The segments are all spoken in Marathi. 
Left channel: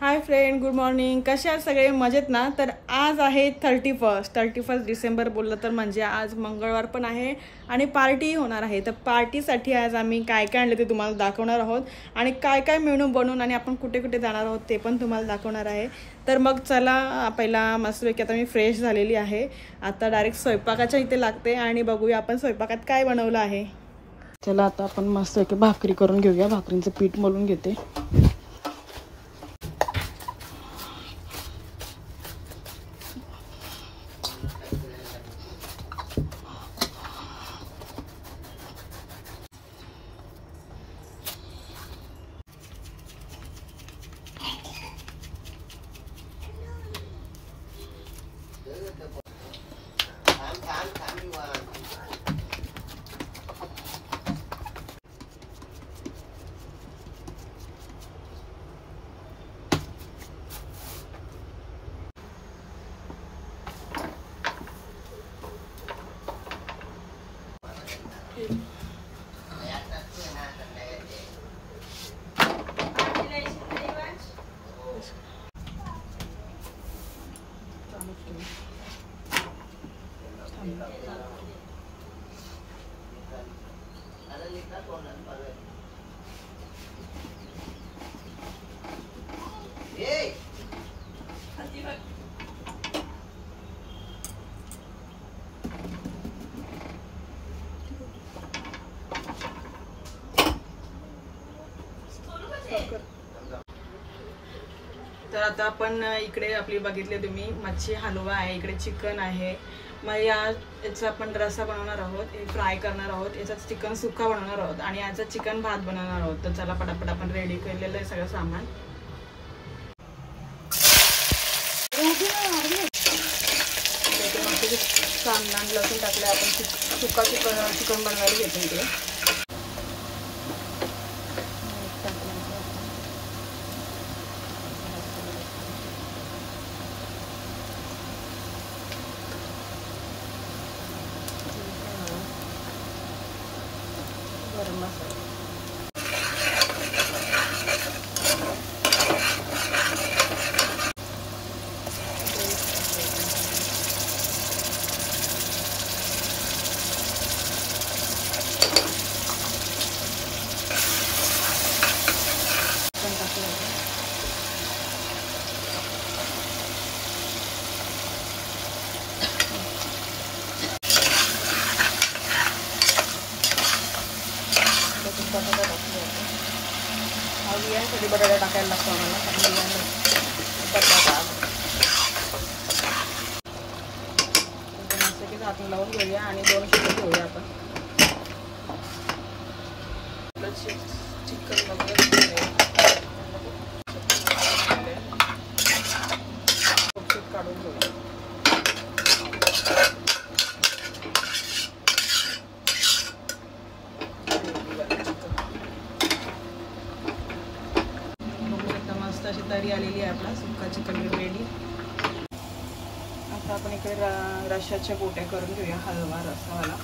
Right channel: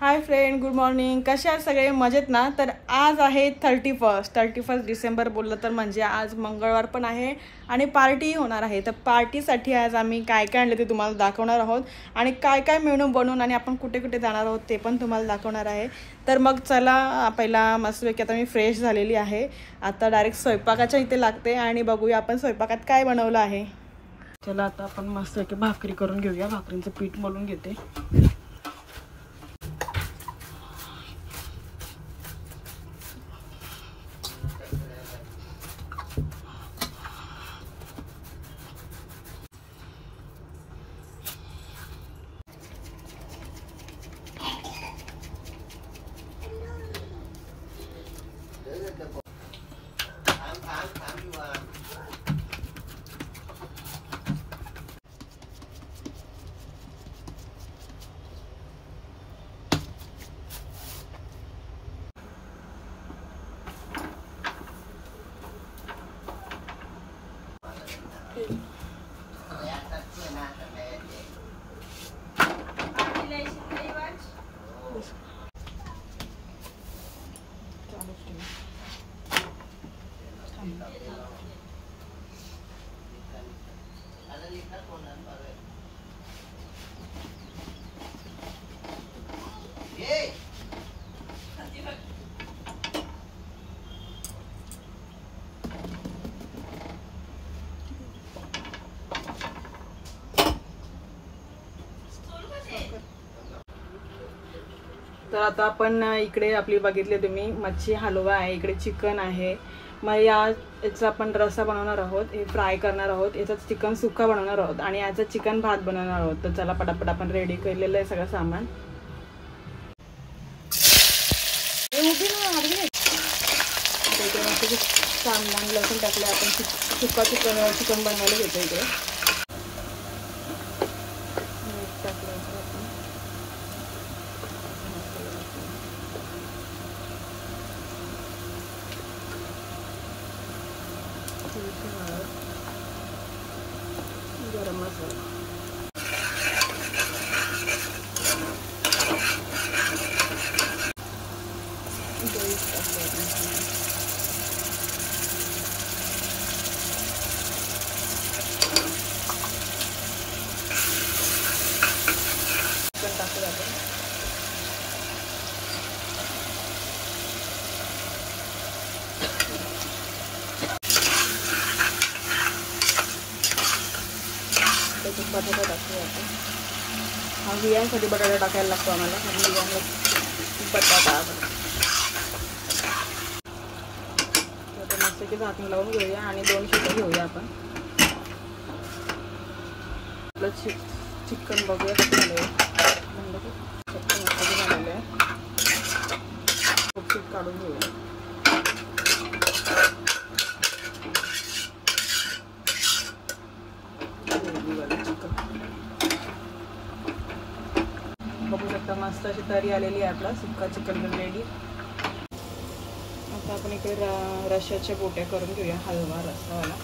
Hi friend, good morning. कसे आहात सगळे? मजेत ना? तर आज आहे 31 डिसेंबर बोललं तर म्हणजे आज मंगळवार पण आहे आणि पार्टी होणार आहे. तर पार्टीसाठी आज आम्ही काय काय आणले ते तुम्हाला दाखवणार आहोत आणि काय काय मेनू बनवून आणि आपण कुठे कुठे जाणार आहोत ते पण तुम्हाला दाखवणार आहे. तर मग चला, पहिला मस्तपैकी आता मी फ्रेश झालेली आहे. आता डायरेक्ट स्वयंपाकाच्या इथे लागते आणि बघूया आपण स्वयंपाकात काय बनवलं आहे. चला आता आपण मस्तपैकी भाकरी करून घेऊया. भाकरीचं पीठ मळून घेते. तर आता आपण इकडे आपली बघितले तुम्ही मच्छी हलवा आहे, इकडे चिकन आहे. मग याचा आपण रस्सा बनवणार आहोत, हे फ्राय करणार आहोत, याचा चिकन सुक्का बनवणार आहोत आणि याचा चिकन भात बनवणार आहोत. तर चला पटापट आपण रेडी केलेलं आहे सगळं सामान. सामान लसूण टाकले आपण सुक्का चिकन बनवायला घेतो इकडे. बटाटा टाकायला लागतो आम्हाला. लावून घेऊया आणि 2 शिट्टी घेऊया आपण. चिकन बघूया काढून घेऊया. तरी आलेली आहे आपला सुक्का चिकन रेडी. आता आपण इकडे रश्श्याच्या बोट्या करून घेऊया, हलवा रस्सावाला.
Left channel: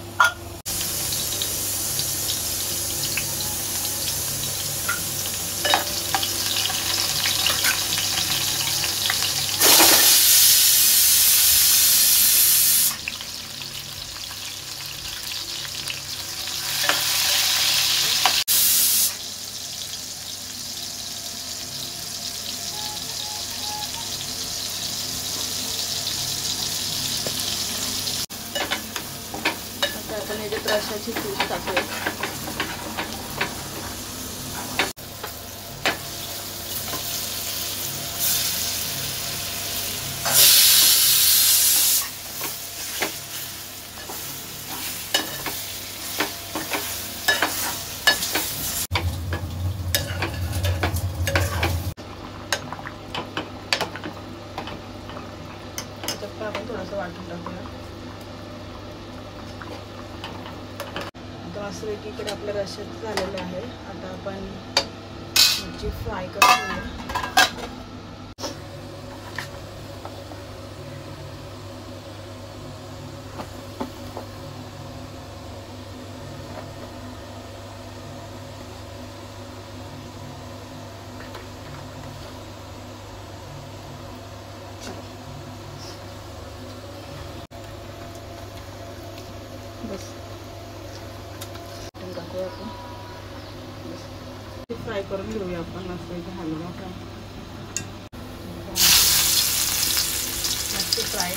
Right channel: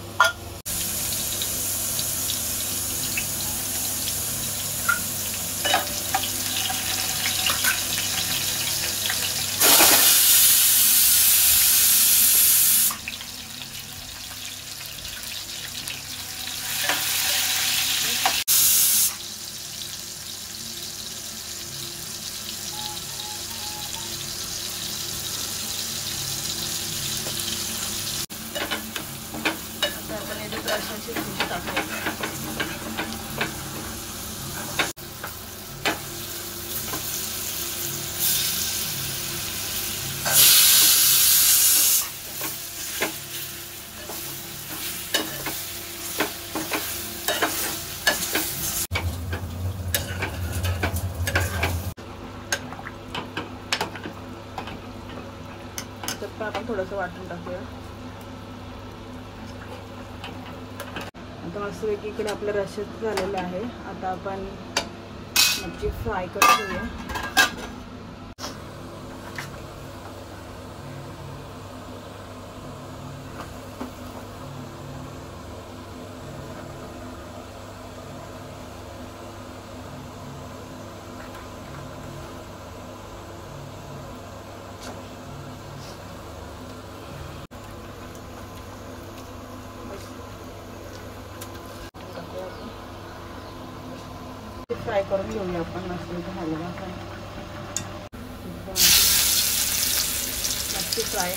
रश्श्याची दूध टाकायची. आपण थोडंसं वाटून टाकूया. इकडे आपलं रश्श्याचं झालेलं आहे. आता आपण मच्छी फ्राय करूया. फ्राय करून घेऊया आपण मस्त फ्राय.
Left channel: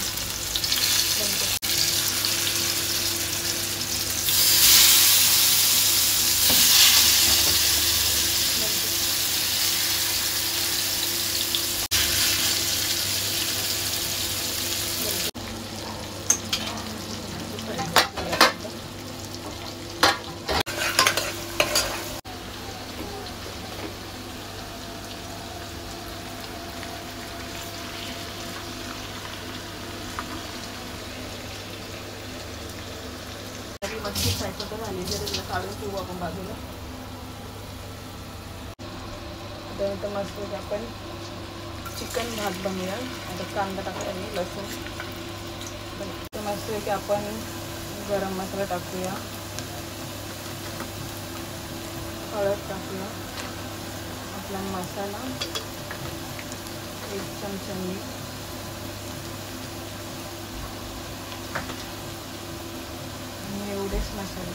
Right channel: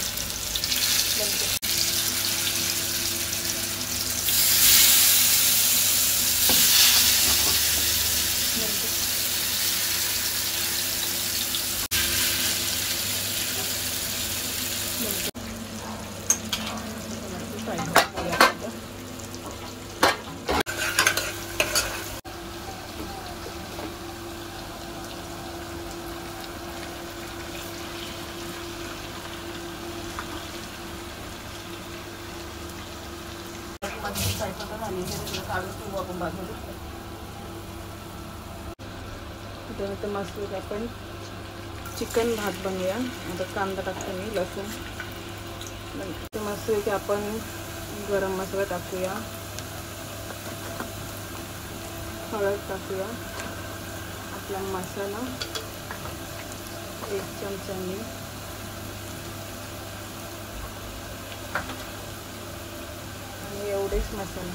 काढून ठेवू आपण बाजूला. त्यानंतर मस्त आपण चिकन भात बनवूया. आता कांदा टाकूया आणि लसूण मस्त की आपण गरम मसाला टाकूया, हळद टाकूया, आपला मसाला 1 चमचा मीठ, एवढेच मसाले.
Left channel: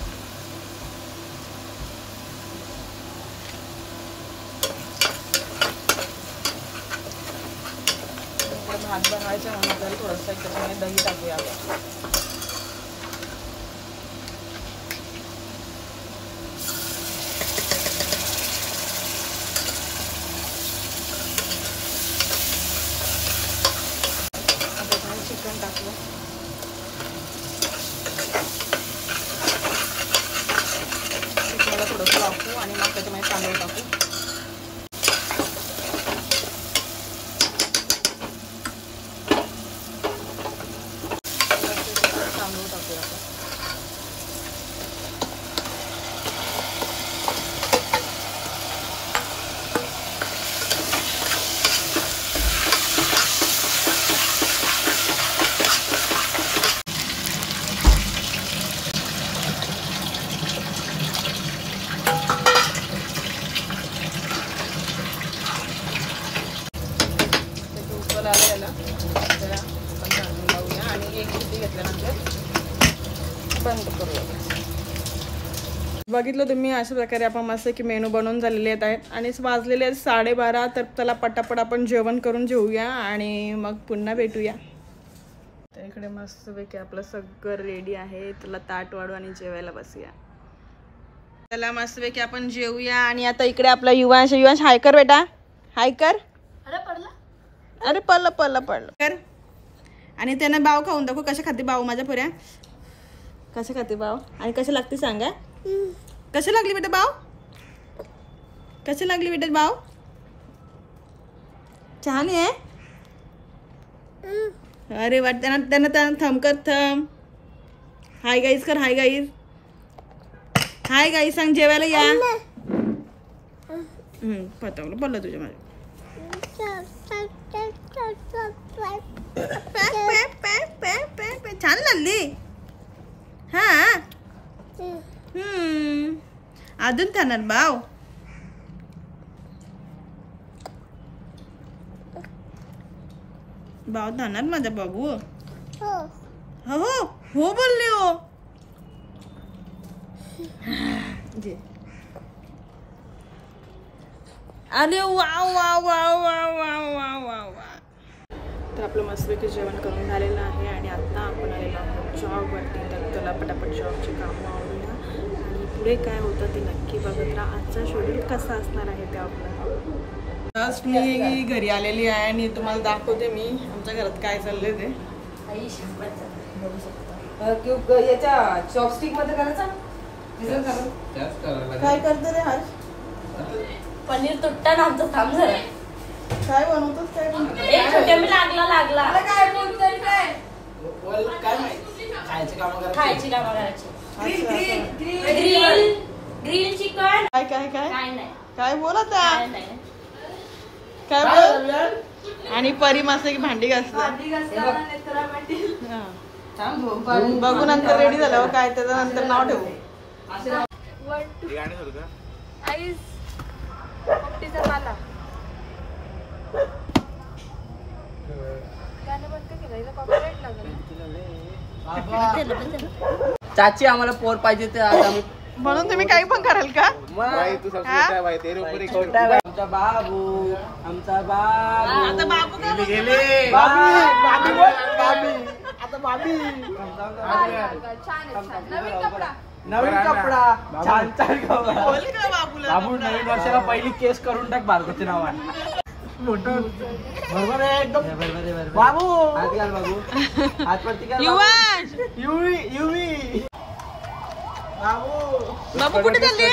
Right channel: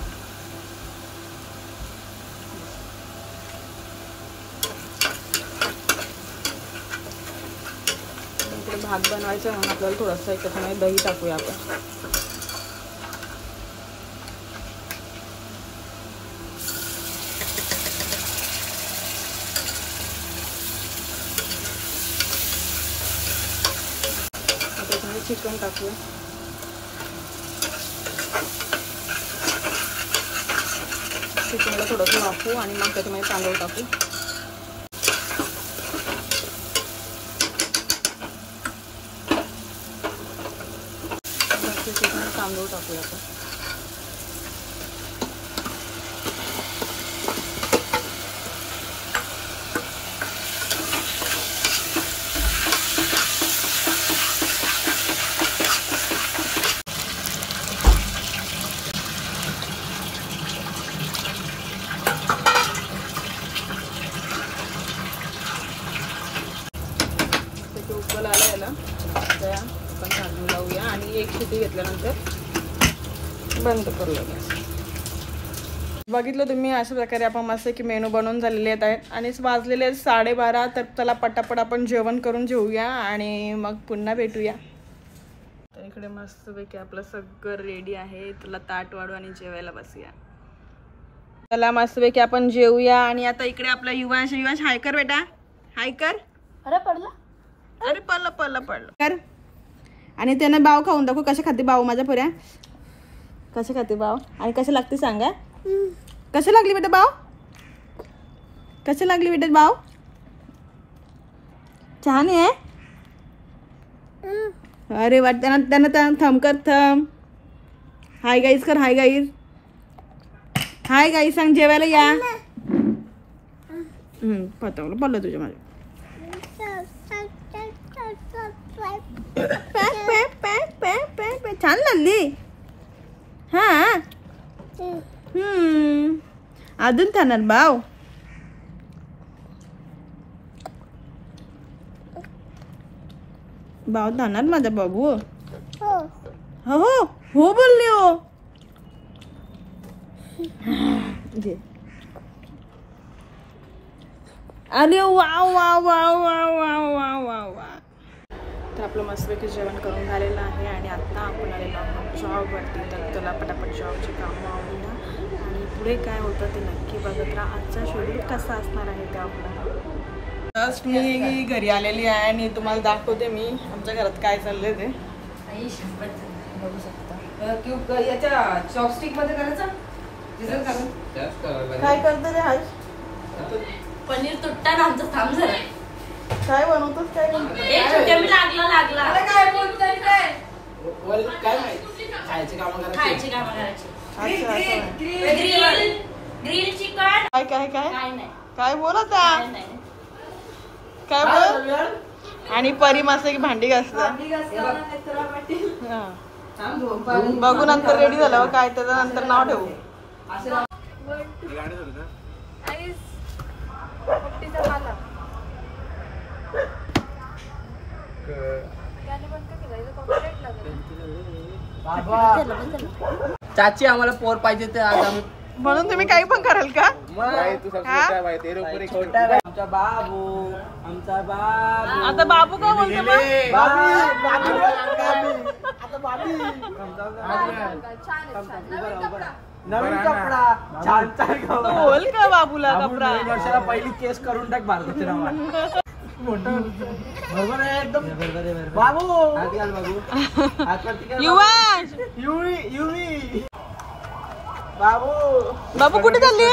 भात बनवायचा दही थोडासा त्याच्यामुळे दही टाकूया. चिकन टाकूया. थोडंसं टाकू आणि मग त्याच्यामध्ये तांदूळ टाकू. तांदूळ टाकूया. बघितलं तुम्ही अशा प्रकारे आपण मस्त की मेनू बनवून झालेले आहेत आणि वाजलेले आहेत 12:30. तर त्याला पटापट आपण जेवण करून घेऊया आणि मग पुन्हा भेटूया. तर इकडे मस्तपैकी आपलं सगळं रेडी आहे. त्याला ताट वाढू आणि जेवायला बसूया. त्याला मस्तपैकी आपण जेवूया. आणि आता इकडे आपला युवांश हाय कर बेटा, हाय कर. अरे पडलं कर. आणि त्याने बाव खाऊन दाखव. कशा खाते बाव माझ्या पुऱ्या, कशा खाते बाव आणि कशा लागते सांगा. कशी लागली बेटा बाव, कशी लागली बेटा बाव. छान आहे. अरे वाटतं त्यांना थम कर, थम. हाय गाईज कर, हाय गाईज, हाय गाईज सांग. जेवायला या. पडलं तुझ्या मध्ये. छान लागली. हा अजून खाणार बाव. बाव खाणार माझा बाबू. हो हो हो बोलले हो. अरे wow wow wow wow wow wow wow. तर आपलं मस्तपैकी जेवण करून झालेलं आहे आणि आता आपण आलेलो आहोत जॉबवरती. तर तुला पटापट जॉबचे कामं आवडूया आणि पुढे काय होतं ते नक्की बघत राहा. आजचा शेड्यूल कसा असणार आहे ते आपल्याला. जस्ट मी घरी आलेली आहे आणि तुम्हाला दाखवते मी आमच्या घरात काय चाललंय ते. याच्या चॉपस्टिक मध्ये करायचा काय करते रे. पनीर तुट्टा ना आमचं थांब झालं. काय बनवतोस, काय बनवतोस. लागला काय बोलतोय काय माहिती खायची कामं खायची कामं करायची. Grill chicken. काय काय काय काय नाही, काय बोलत काय नाही. काय बोल. आणि परी मस्त की भांडी घासतं. बघू नंतर रेडी झाल्यावर काय त्याचं नंतर नाव ठेवू. माला चाची आम्हाला पोर पाहिजे तर आज आम्ही म्हणून तुम्ही काही पण कराल का? आमचा बाबू आमचा बाबू आता बाबू का बोलतो मग? नवीन कपडा छान छान कपडा बोल का बाबूला बाबू कपडा? नवीन वर्षाला पहिली केस करून टाक भारताच्या नावात बरोबर आहे एकदम बाबू हात घाल बाबू हातवरती घाल युवान युवी युवी बाबू बाबू कुठे चालली?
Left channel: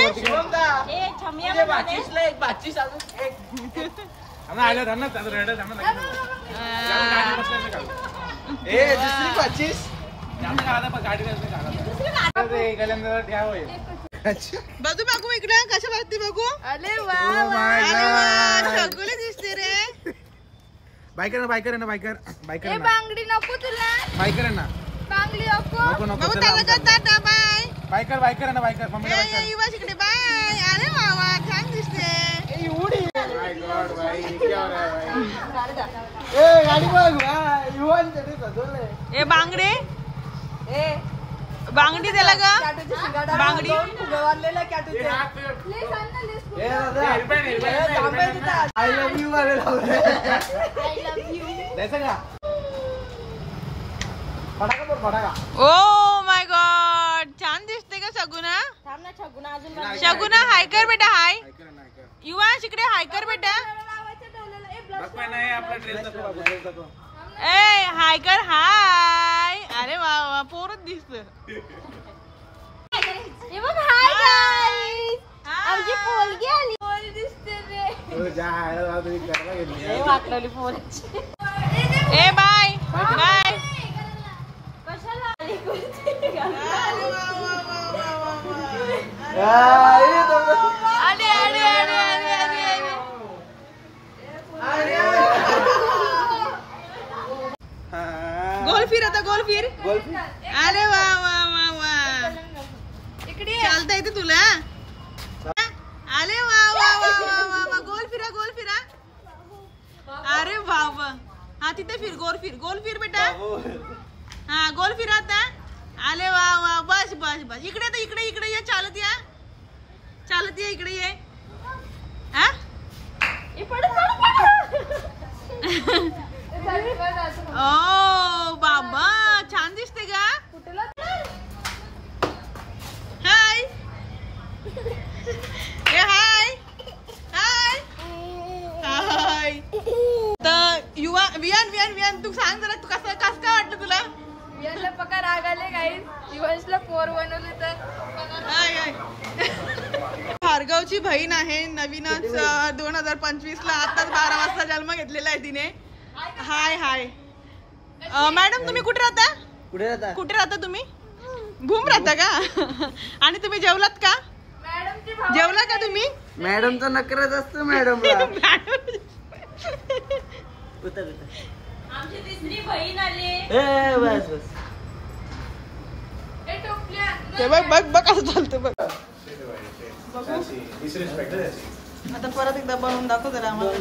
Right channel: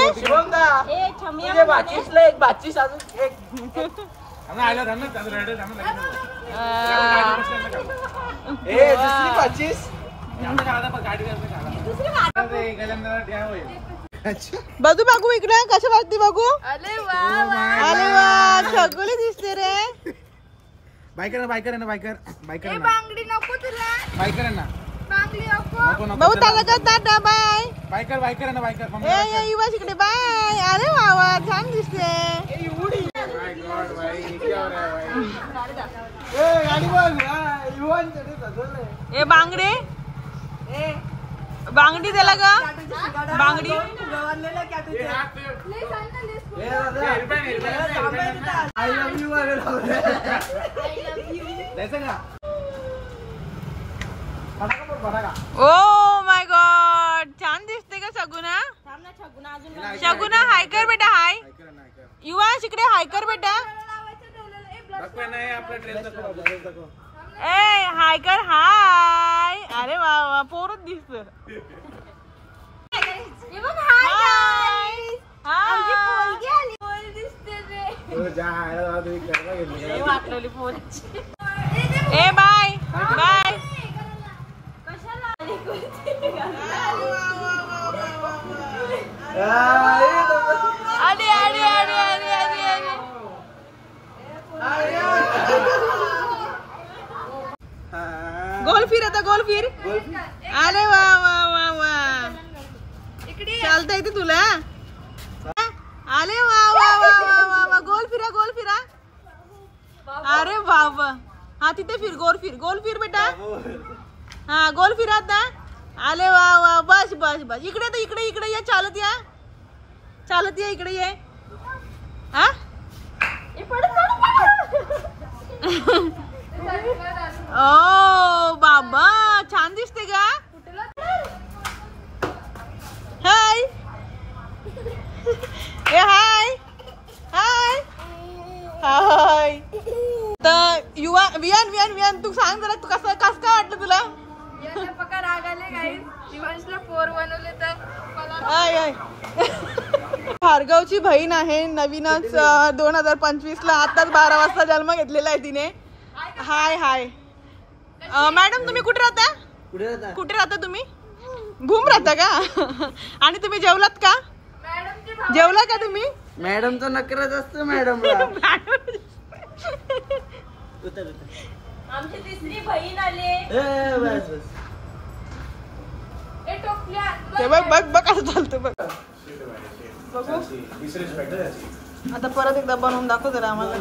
बघू बघू इकडे कशा वाटते बघू. अरे वा छगुली दिसते रे. बायकर बायकर ना बायकर बायकर ना बांगडी नको तुला. बायकर ना बांगडी नको. नको नको बाबू दादा का टाटा बाय. बायकर बायकर ना बायकर ए युवा इकडे बाय. अरे वा वा छान दिसते. माय गॉड भाई क्या हो रहा है भाई ए गाडी बघ युवन तरी सजवले ए बांगडे बांगडी त्याला का बांगडी. आय लव्ह यू अरे द्यायचं का फटाका ओ माय गॉड छान दिसते का शगुना. शगुना हाय कर बेटा हाय. युवा इकडे हाय कर बेटा. ए हाय कर हाय. अरे वा वा पोरच दिसत. ए बाय बाय. अरे अरे अरे अरे अरे गोल फिर आता गोल फिर. अरे वा वा वा वा चालता येते तुला. अरे वा वा वा वा वा वा गोल फिरा गोल फिरा. अरे वा वा हा तिथे फिर गोल फिर बेटा. हा गोल फिरा आता. अरे वा वा बस बस बस इकडे तर इकडे इकडे ये चालत या इकडे ये. हा ओ बाबा छान दिसते का. हाय ए हाय हाय हाय. तर युवा वियान वियान वियान तू सांग जरा तू कसं काय वाटलं तुला. यांना पका राग आले गाईस. जीवनला 4 बनवले तर आय आय भार्गवची बहीण आहे. नवीनच 2025 ला आताच 12 वाजता जन्म घेतलेला आहे तिने. हाय हाय मॅडम तुम्ही कुठे राहता तुम्ही भूम राहता का. आणि तुम्ही जेवलात का. जेवला का तुम्ही. मॅडमचा नकरच असतो मॅडम आमची तिसरी बहीण आली. बस बस ए टोपल्या. ते बघ बघ बघ कसं चालतं बघ. बघू आता परत एकदा बनवून दाखव जरा आम्हाला.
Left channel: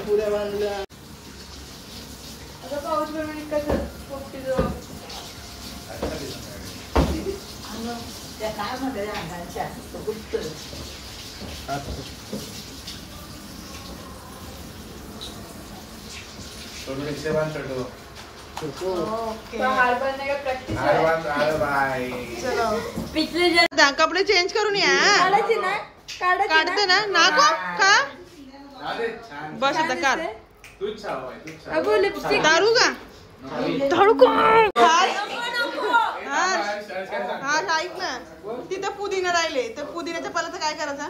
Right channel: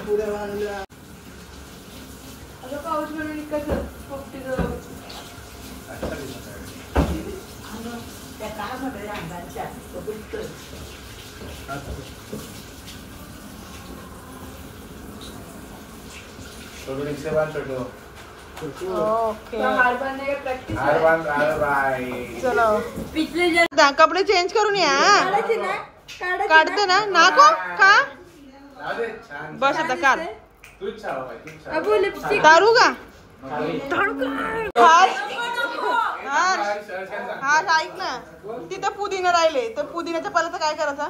पाऊस बनवली कसं टोपलीचं. ओके प्रॅक्टिस चलो कपडे चेंज करून या. काढते ना नाको का बस आता काढ. दारू का दारू हा ऐक ना तिथं पुदिना राहिले तर पुदिन्याच्या पाल्याचं काय करायचं.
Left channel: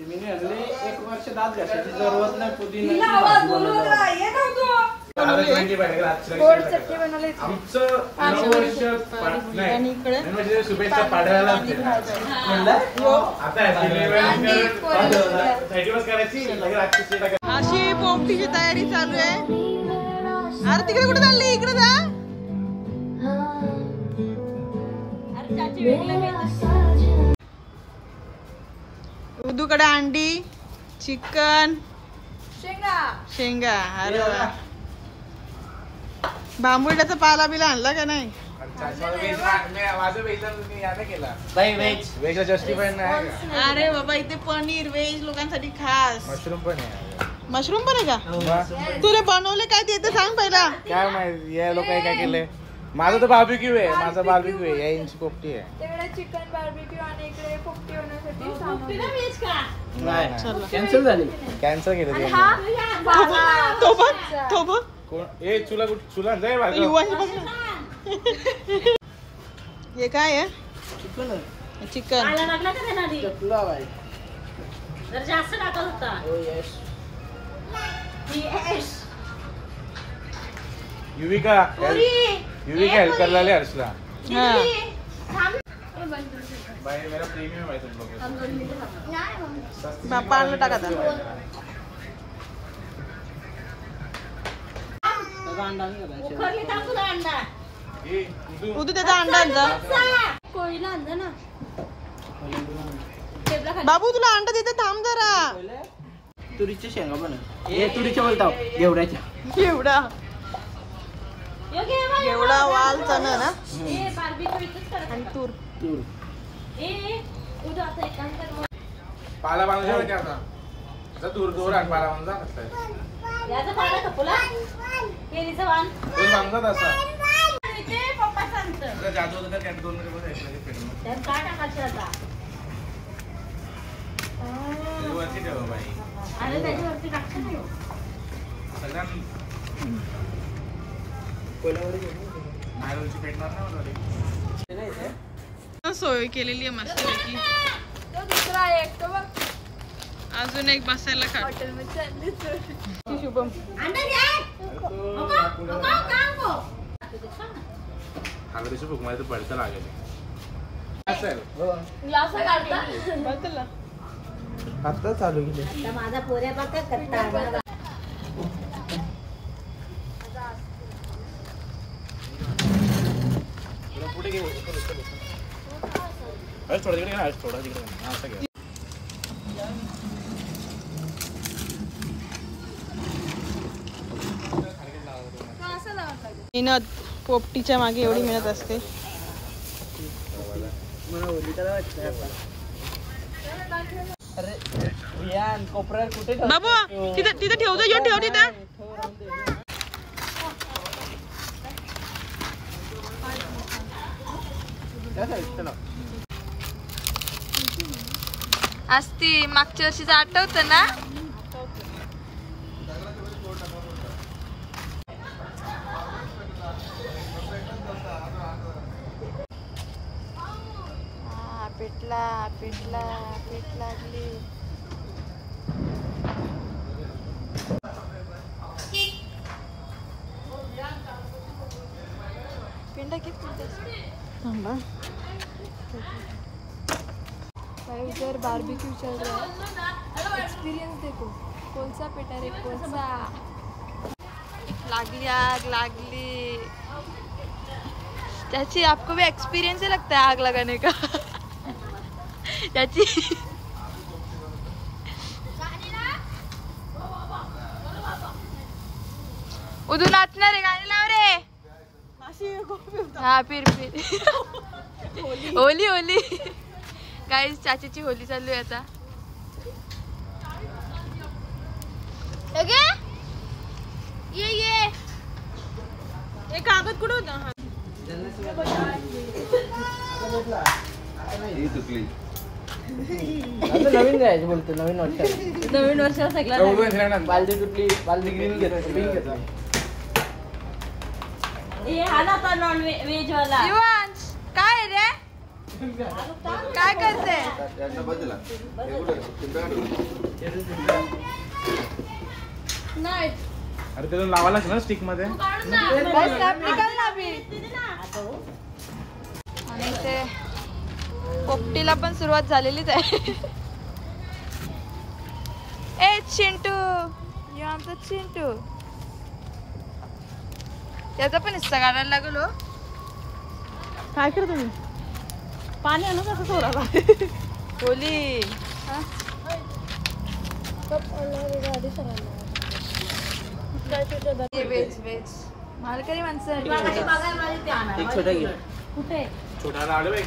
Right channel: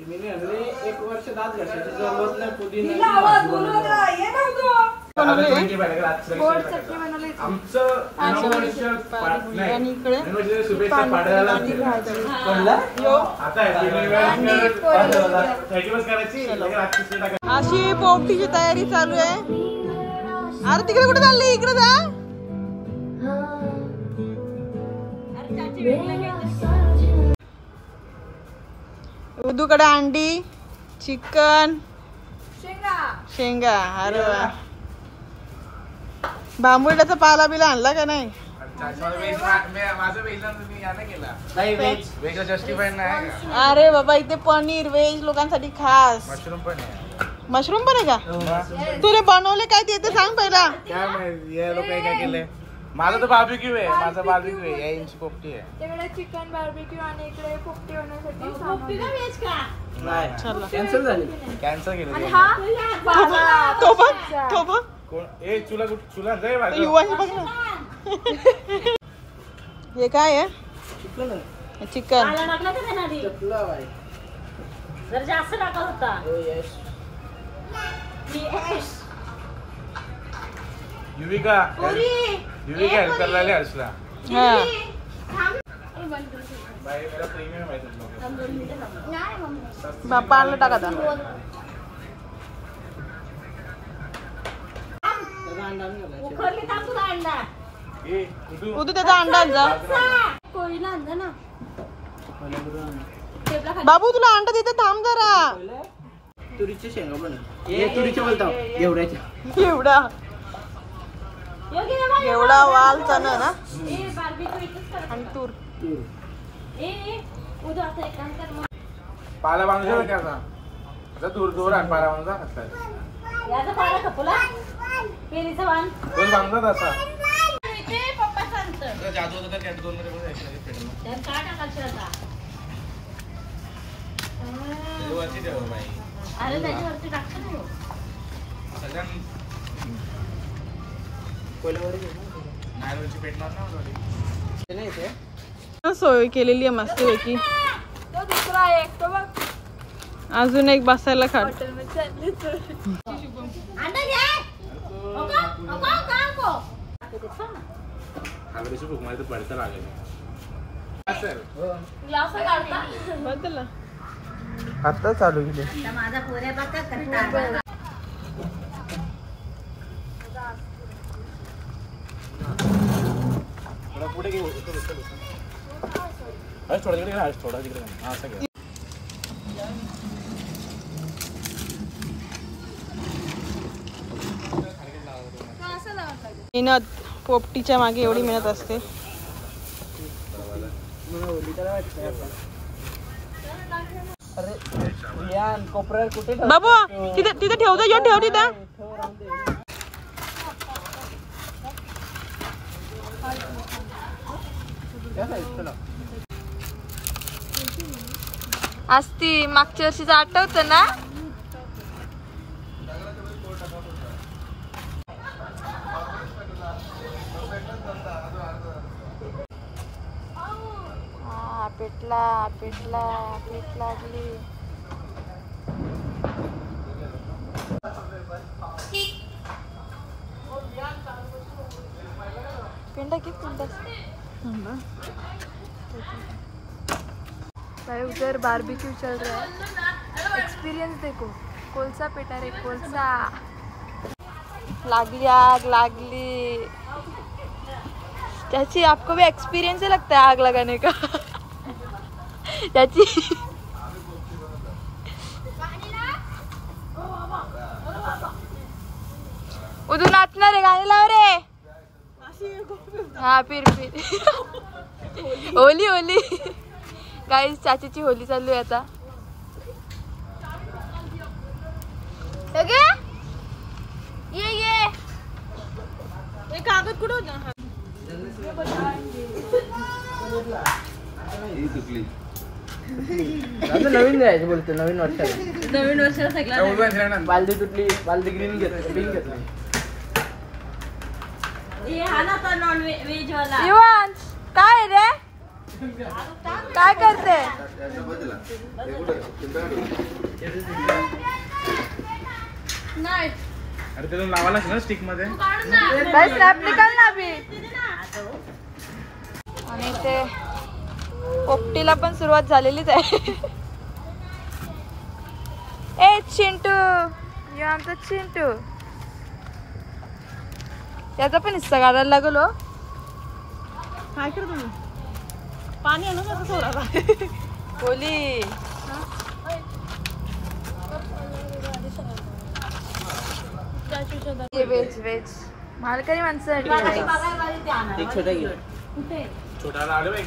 एक वर्ष दात घासायची जरूरत नाही पुदिना आणि इकडे अशी पोपटीची तयारी चालू आहे. अरे तिकडे कुठे चालली इकडे जा. उदूकडे अंडी चिकन शेंगा. अरे वा बांबुड्याचा पाला बिला आणला का नाही. बाई व्हेज जस्टिफाईड नाही का? अरे बाबा इथे पनीर व्हेज लोकांसाठी खास. मशरूम पण आहे. मशरूम पण आहे का? तुला बनवले काय ते सांग पहिला. काय माहिती या लोकांनी काय केलंय. माझं तर बार्बिक्यू आहे. माझा बार्बिक्यू आहे. या इंची पोपटी आहे. तेवढा चिकन बार्बिक्यू आणि इकडे पोपटी होण्यासाठी चला. कॅन्सल झाली. कॅन्सल केलं. तो बघ तो बघ कोण ए चुला चुला जाय माझं. युवाशी बघ ना. हे काय आहे? चिकन आहे. चिकन. चटला बाई. जर जास्त टाकत होता. युविका हेल्प करायला आले हर्षला. हा बाई मेरा प्रीमियम आहे तुम लोग. बाप्पा आणलं टाका आता. उखरली टाकू ना अंडा. ए उद्या त्याचा अंडा आण जा. कोळीला अंडा ना. बाबू तुला अंडा देते थांब जरा. तुरीच्या शेंगा पण हे तुरीच्या बोलतो घेवड्याच्या. एवढा एवढा वाल चण ना आणि तूर. पाला बांधला क्या था आता दूर दूर आण पाला बांधला याचा पाला खपला. पेरीचा वाण. दोन बांधला असा इथे पप्पा सांगतं. जादू होता तर त्यात दोन मध्ये बसायचं पेटलं. त्यात काय टाकायचं आता? ते वरती ठेव बाई. अरे त्याच्यावरती टाकतं ना. सगळ्यां नारळची पेटणार ना. सोय केलेली आहे मस्त पैकी. दुसरा आहे एक तो बघ. अजून एक बसायला खाट. अंडा घ्या. हागरीची भूक मध्ये पडतं लागेल. आता चालू केले. माझा पोऱ्या बघा करता. पुढे गेले थोडा तिकडे घ्या. थोडा तिकडे हा असं घ्या. मेहनत पोपटीच्या मागे एवढी मेहनत असते. बाबू तिथे तिथे ठेवतो यो ठेव तिथं. असती मागच्या वर्षीच आठवतं ना. पेटला पेटला पेट लागली. पिंडा किती पिंडा भाई उधर बारबेक्यू चल रहा है. एक्सपीरियंस देखो. कोलसा पेटा रे कोलसा. लागली आग लागली. त्याची आपको भी एक्सपीरियंस लगता है आग लगाने का. त्याची उधर नाचणार आहे. गाणी लाव रे. हा फिर होली होली गाईस. चाचीची होली चालू आहे आता. ये कागद कुठे होता? नवीन जायचं बोलतो. नवीन वर्ष नवीन वर्षाला सगळ्या बालदी तुटली. बालदी ग्रीन घेतली. हे हा ना आता नॉन व्हेज वाला. युवांश काय रे काय करते? नाही अरे त्याला लावायला ना स्टिक मध्ये. निकाल ना अभी. आणि ते पोपटीला पण सुरुवात झालेलीच आहे. ए चिंटू ये आमचा चिंटू. त्याचा पण हिस्सा काढायला लागलो. काय करतो मी? पाणी होली व्हेज व्हेज मालकरी माणसं एक छोटा घे. कुठे छोटा लाडू एक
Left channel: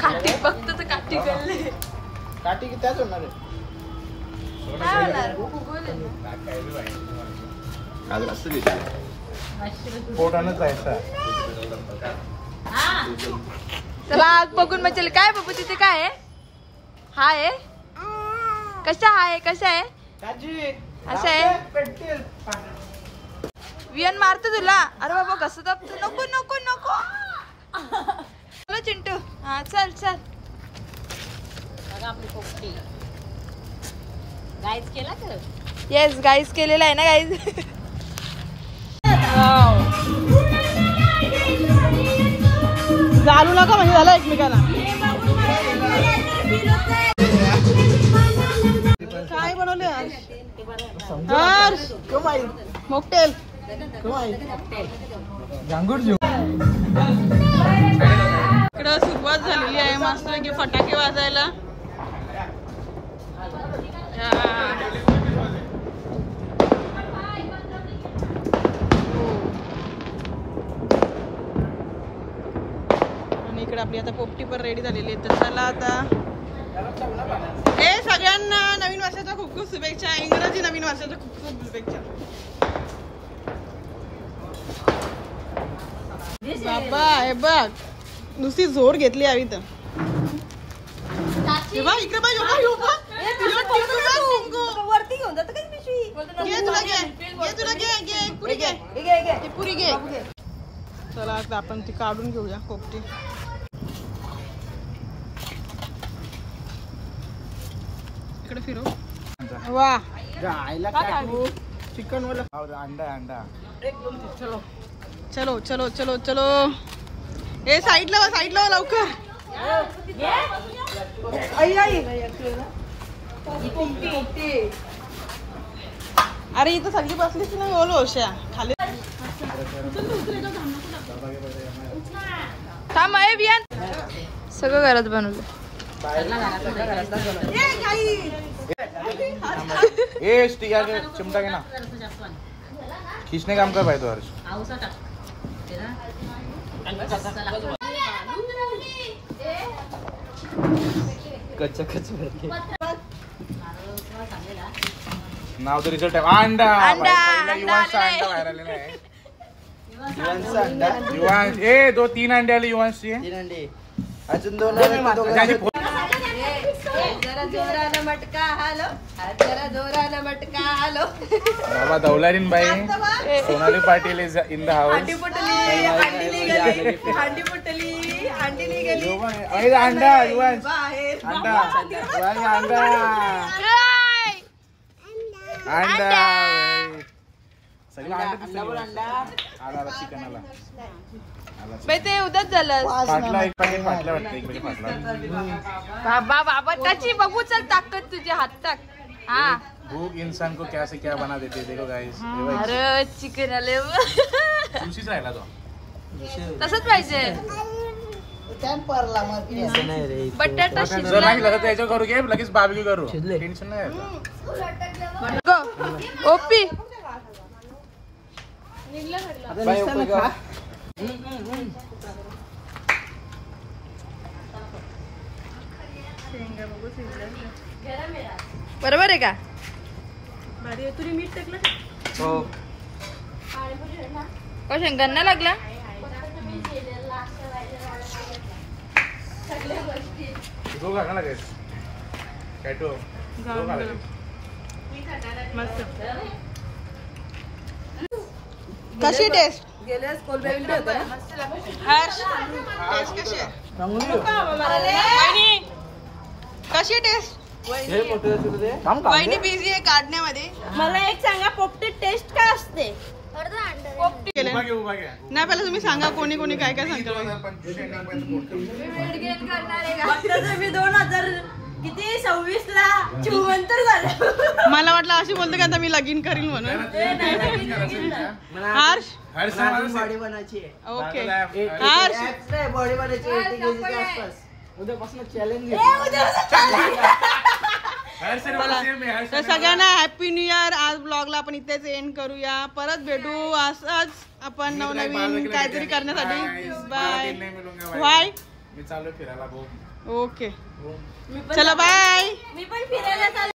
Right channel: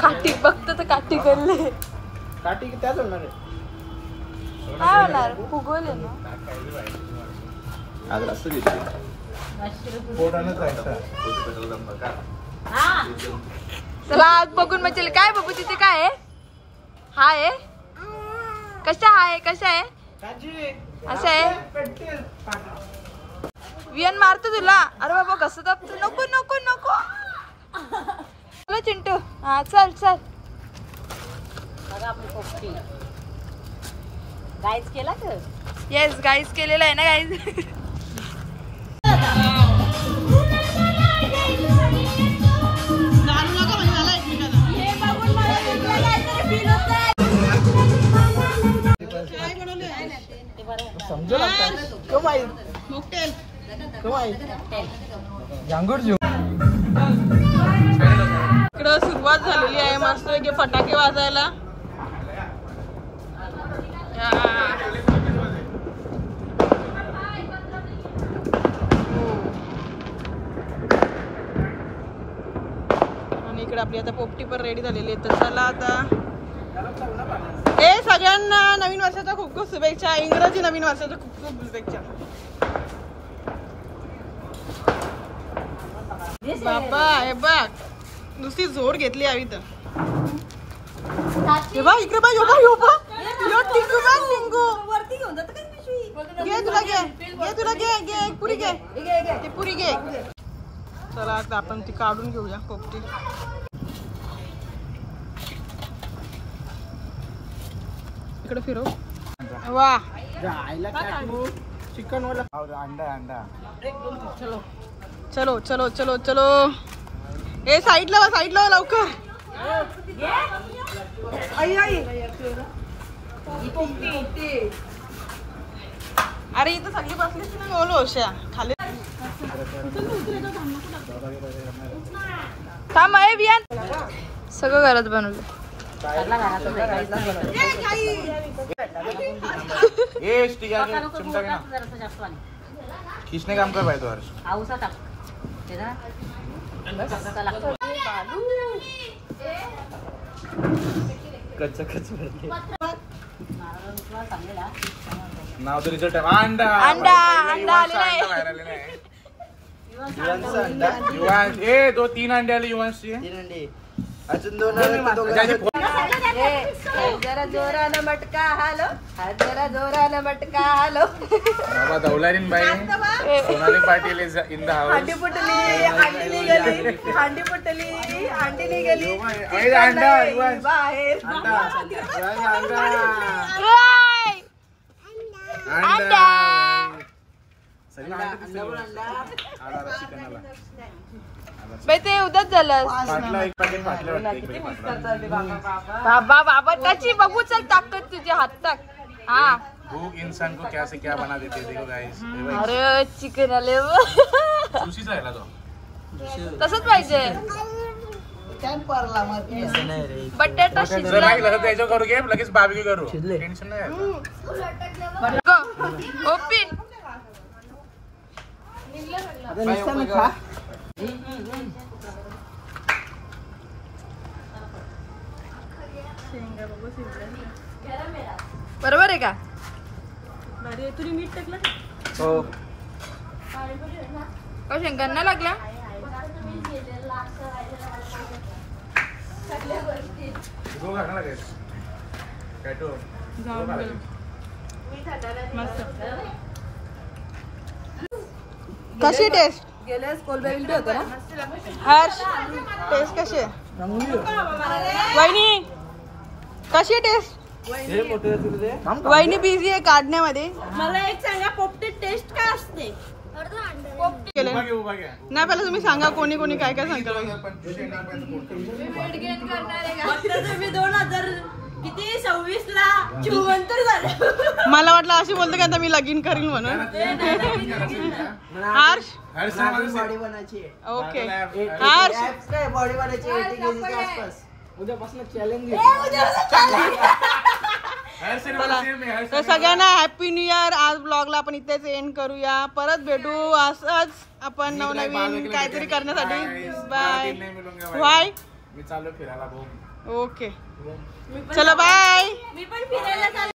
काठी बघत तर काठी गल्ले काठी त्याच होणार आहे. काय होणार फुगवले ना आज असं घेतलं पोटानं जायचं. चला आज बघून मचल काय बाबू तिथे काय आहे हाय कशा आहे कशा आहे असं आहे वियन मारतो तुला अरे बाबा कसं दाबतो नको नको नको चलो चिंटू हा चल चल गाईज केला तर येस गाईज केलेला आहे ना गाईज चालू नका म्हणजे झालं एकमेकांना काय बनवले मोकटेल इकडं सुरुवात झालेली आहे मस्त पैकी फटाके वाजायला आणि इकडे आपली आता पोपटी पण रेडी झालेली आहे तर चला आता सगळ्यांना नवीन वर्षाच्या खूप खूप शुभेच्छा इंग्रजी नवीन वर्षाच्या खूप खूप शुभेच्छा बाबा हे बघ नुसती जोर घेतली हवी तर हे बघ इकडे बघ वरती घेऊन जात का पिशवी घे तुला घे पुरी घे ती पुरी घे चला आता आपण ती काढून घेऊया पोपटी इकडे फिरव वा चिकन वाला अंडा चलो चलो चलो चलो ए साईडला वा लवकर अरे इथं सगळी बसलीच ना बोलो ओशा खाली थांब आहे वियन सगळं घरात बनवलं चिमटा के ना खींचने काम कर भाई तो नाव तो रिझल्ट आहे अंडा अंडा आलेला आहे युवांश ए 2-3 अंडे आले युवांशचे अजून 2 बाबा दौलारीन बाई Sonali Patil is in the house अंडा युवांश अंडा बाई ते उद्याच झालं बाबा त्याची बघू चल ताकद तुझे हात टाक हा भूख इंसान को क्या से क्या बना देते देखो गाइस अरे चिकन आले उशीच राहिला तो तसंच पाहिजे बटाटा शिजला त्याच्यावर करू घे लगेच बार्बेक्यू करू टेन्शन नाही ओपी बरोबर आहे का तुरी मीठ टाकलं का शेंगांना लागला कशी टेस्ट हर्ष टेस्ट कशी आहे वहिनी कशी टेस्ट वहिनी बिझी आहे काढण्यामध्ये मला एक सांगा पोपटी टेस्ट काय असते केलंय. नाही पहिला तुम्ही सांगा कोणी कोणी काय काय सांगता मी 2026 ला चिवंतर झालं मला वाटलं अशी बोलते का आता मी लगीन करीन म्हणून हर्ष बॉडी बनायची ओके हर्ष बॉडी बनायची 80 kg आसपास उद्यापासून चॅलेंज हर सिनेमा में हर तर सगळ्यांना हॅपी न्यू इयर. आज ब्लॉगला आपण इथेच एंड करूया. परत भेटू असंच आपण नवनवीन काहीतरी करण्यासाठी. बाय. बाय. मी चाललो फिरायला भाऊ. ओके चलो बाय. मी पण फिरायला चालले.